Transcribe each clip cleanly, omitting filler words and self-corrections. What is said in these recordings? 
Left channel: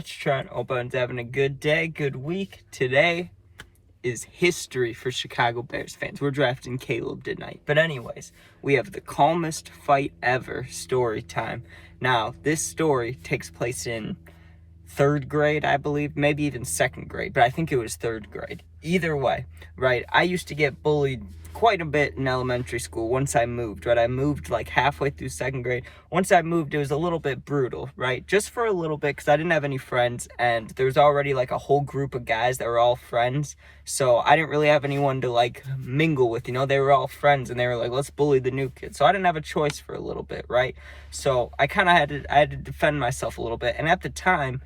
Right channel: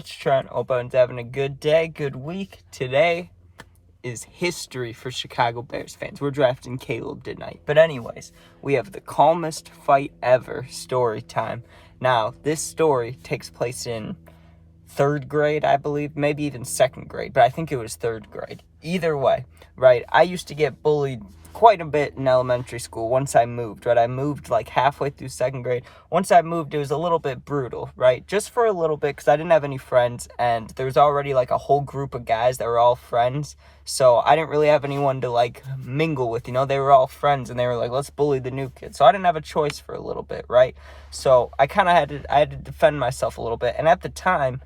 it's Trent. Hope everyone's having a good day, good week. Today is history for Chicago Bears fans. We're drafting Caleb tonight. But anyways, we have the calmest fight ever story time. Now, this story takes place in third grade, I believe, maybe even second grade, but I think it was third grade. Either way, right, I used to get bullied quite a bit in elementary school once I moved, right? I moved like halfway through second grade. Once I moved, it was a little bit brutal, right? Just for a little bit, because I didn't have any friends, and there was already like a whole group of guys that were all friends, so I didn't really have anyone to like mingle with, they were all friends, and they were like, let's bully the new kid. So I didn't have a choice for a little bit, right? So I kind of had to defend myself a little bit, and at the time,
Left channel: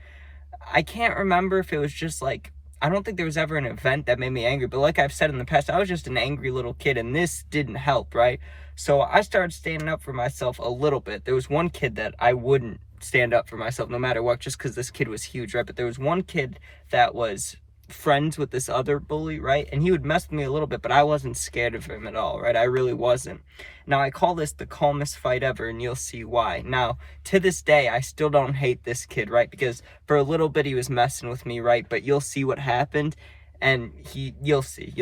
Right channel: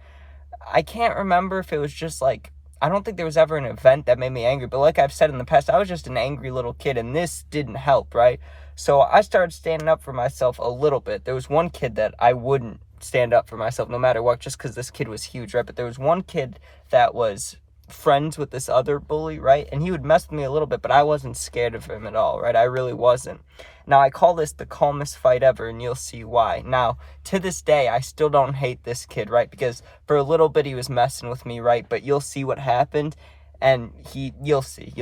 I can't remember if it was just like, I don't think there was ever an event that made me angry, but like I've said in the past, I was just an angry little kid, and this didn't help, right? So I started standing up for myself a little bit. There was one kid that I wouldn't stand up for myself no matter what, just because this kid was huge, right? But there was one kid that was friends with this other bully, right? And he would mess with me a little bit, but I wasn't scared of him at all, right? I really wasn't. Now, I call this the calmest fight ever, and you'll see why. Now, to this day, I still don't hate this kid, right? Because for a little bit, he was messing with me, right? But you'll see what happened, and you'll see.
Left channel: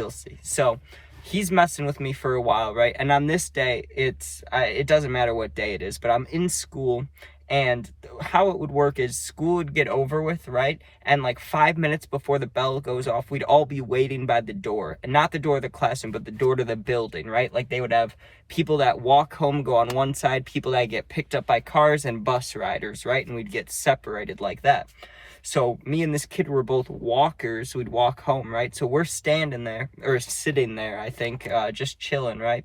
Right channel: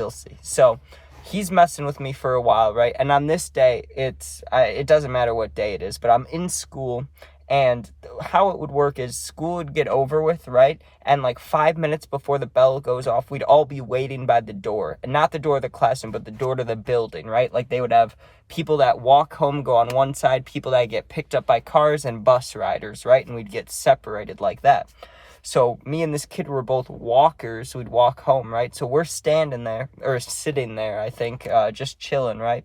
So, he's messing with me for a while, right? And on this day, it doesn't matter what day it is, but I'm in school, and how it would work is school would get over with, right? And like 5 minutes before the bell goes off, we'd all be waiting by the door. And not the door of the classroom, but the door to the building, right? Like they would have people that walk home go on one side, people that get picked up by cars, and bus riders, right? And we'd get separated like that. So me and this kid were both walkers. We'd walk home, right? So we're standing there, or sitting there, I think, just chilling, right?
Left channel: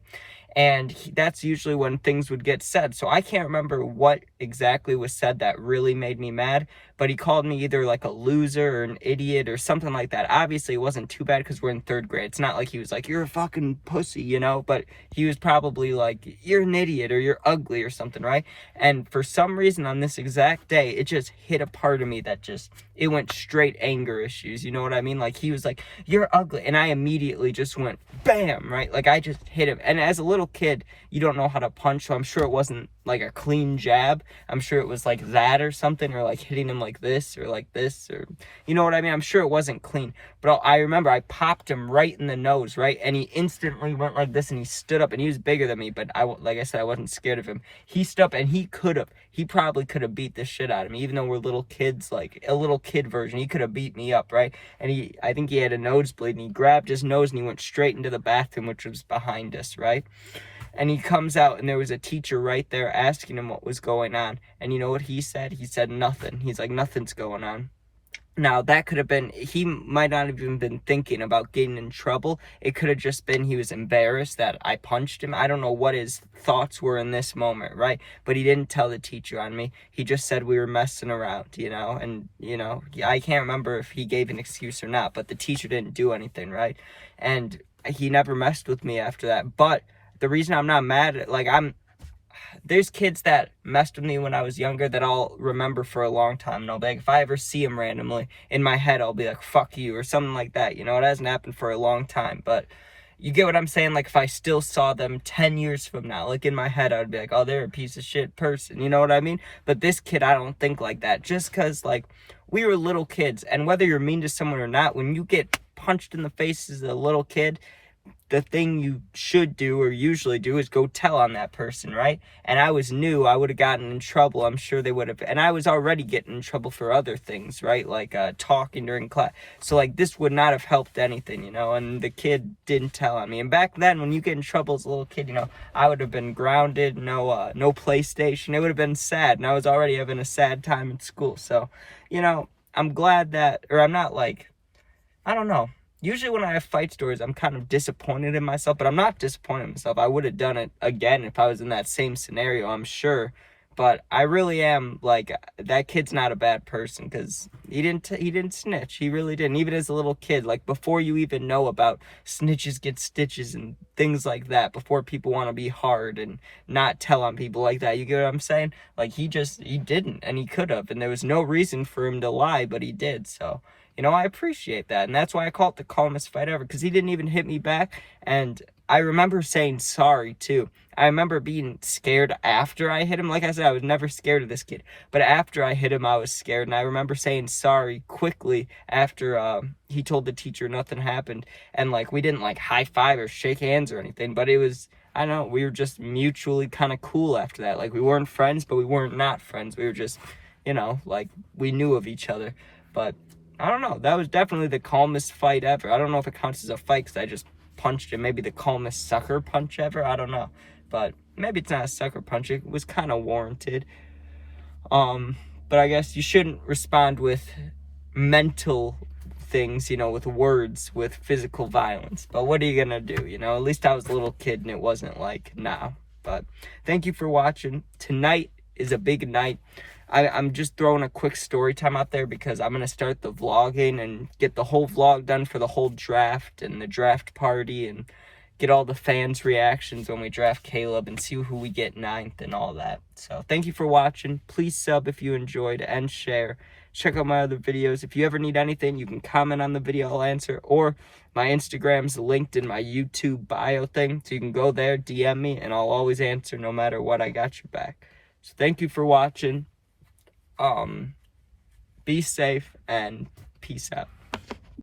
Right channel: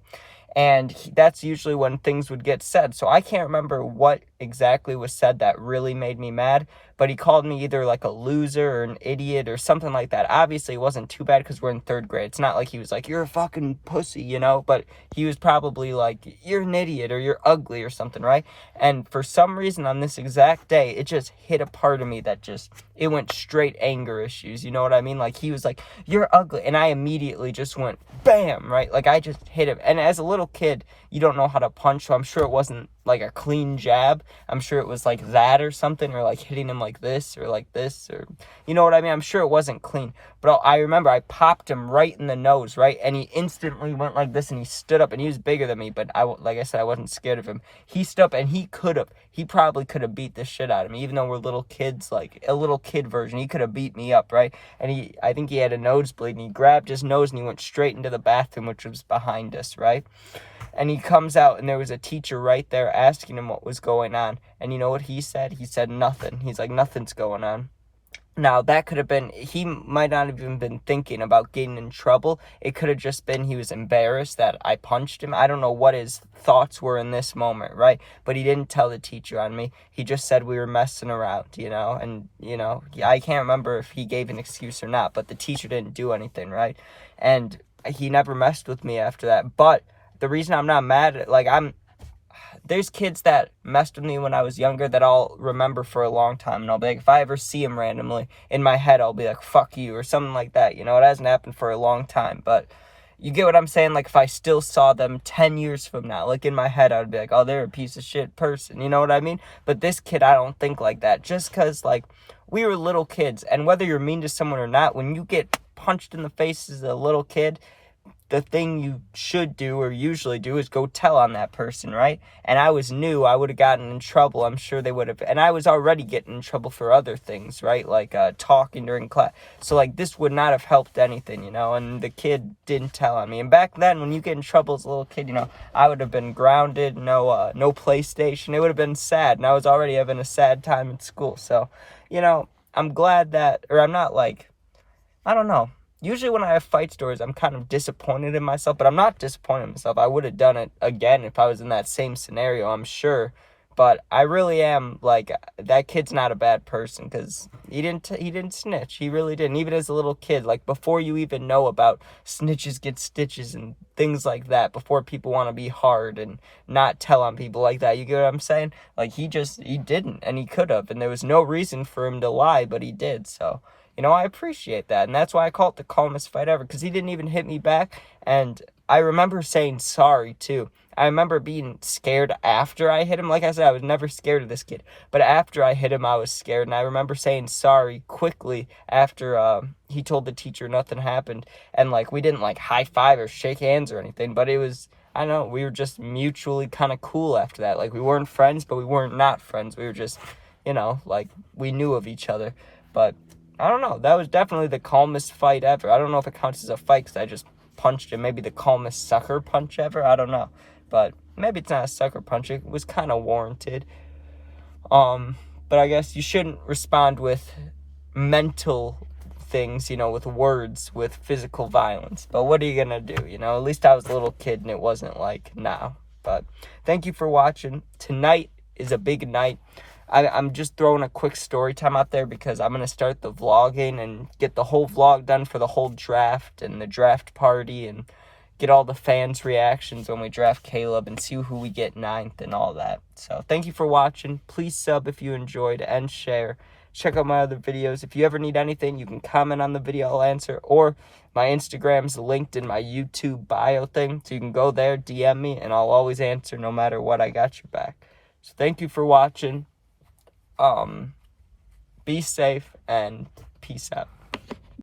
And that's usually when things would get said. So I can't remember what exactly was said that really made me mad, but he called me either like a loser or an idiot or something like that. Obviously, it wasn't too bad because we're in third grade. It's not like he was like, you're a fucking pussy, but he was probably like, you're an idiot or you're ugly or something, right? And for some reason on this exact day, it just hit a part of me that it went straight anger issues. You know what I mean? Like he was like, you're ugly. And I immediately just went, bam, right? Like I just hit him. And as a little kid, you don't know how to punch, so I'm sure it wasn't like a clean jab. I'm sure it was like that or something, or like hitting him like this, or you know what I mean? I'm sure it wasn't clean. But I remember I popped him right in the nose, right? And he instantly went like this, and he stood up, and he was bigger than me, but like I said, I wasn't scared of him. He stood up, and he probably could have beat the shit out of me, even though we're little kids, like a little kid version. He could have beat me up, right? And I think he had a nosebleed, and he grabbed his nose, and he went straight into the bathroom, which was behind us, right? And he comes out, and there was a teacher right there asking him what was going on. And you know what he said? He said nothing. He's like, nothing's going on. Now, that could have been, he might not have even been thinking about getting in trouble. It could have just been he was embarrassed that I punched him. I don't know what his thoughts were in this moment, right? But he didn't tell the teacher on me. He just said we were messing around, and, I can't remember if he gave an excuse or not, but the teacher didn't do anything, right? And he never messed with me after that. But the reason I'm not mad, there's kids that messed with me when I was younger that I'll remember for a long time. And I'll be like, if I ever see them randomly, in my head, I'll be like, fuck you, or something like that. It hasn't happened for a long time. But you get what I'm saying? Like, if I still saw them 10 years from now, like in my head, I would be like, oh, they're a piece of shit person. You know what I mean? But this kid, I don't think like that. Just because, like, we were little kids. And whether you're mean to someone or not, when you get punched in the face as a little kid, the thing you should do or usually do is go tell on that person, right? And I was new. I would have gotten in trouble. I'm sure they would have. And I was already getting in trouble for other things, right? Like talking during class. So like this would not have helped anything, and the kid didn't tell on me. And back then when you get in trouble as a little kid, I would have been grounded, no PlayStation. It would have been sad. And I was already having a sad time in school. So, I'm glad that, or I'm not like, I don't know. Usually when I have fight stories, I'm kind of disappointed in myself, but I'm not disappointed in myself. I would have done it again if I was in that same scenario, I'm sure. But I really am, like, that kid's not a bad person because he didn't snitch. He really didn't. Even as a little kid, like, before you even know about snitches get stitches and things like that, before people want to be hard and not tell on people like that, you get what I'm saying? Like, he didn't, and he could have, and there was no reason for him to lie, but he did, so... I appreciate that, and that's why I call it the calmest fight ever, because he didn't even hit me back, and I remember saying sorry, too. I remember being scared after I hit him. Like I said, I was never scared of this kid. But after I hit him, I was scared. And I remember saying sorry quickly after he told the teacher nothing happened. And, like, we didn't, like, high five or shake hands or anything. But it was, I don't know, we were just mutually kind of cool after that. Like, we weren't friends, but we weren't not friends. We were just, you know, like, we knew of each other. But I don't know. That was definitely the calmest fight ever. I don't know if it counts as a fight because I just punched him. Maybe the calmest sucker punch ever. I don't know. But maybe it's not a sucker punch. It was kind of warranted. But I guess you shouldn't respond with mental things, you know, with words, with physical violence. But what are you going to do? You know, at least I was a little kid and it wasn't like now. But thank you for watching. Tonight is a big night. I'm just throwing a quick story time out there because I'm going to start the vlogging and get the whole vlog done for the whole draft and the draft party and get all the fans' reactions when we draft Caleb and see who we get ninth and all that. So thank you for watching. Please sub if you enjoyed and share. Check out my other videos. If you ever need anything, you can comment on the video, I'll answer. Or my Instagram's linked in my YouTube bio thing. So you can go there, DM me, and I'll always answer no matter what. I got your back. So thank you for watching. Be safe and peace out.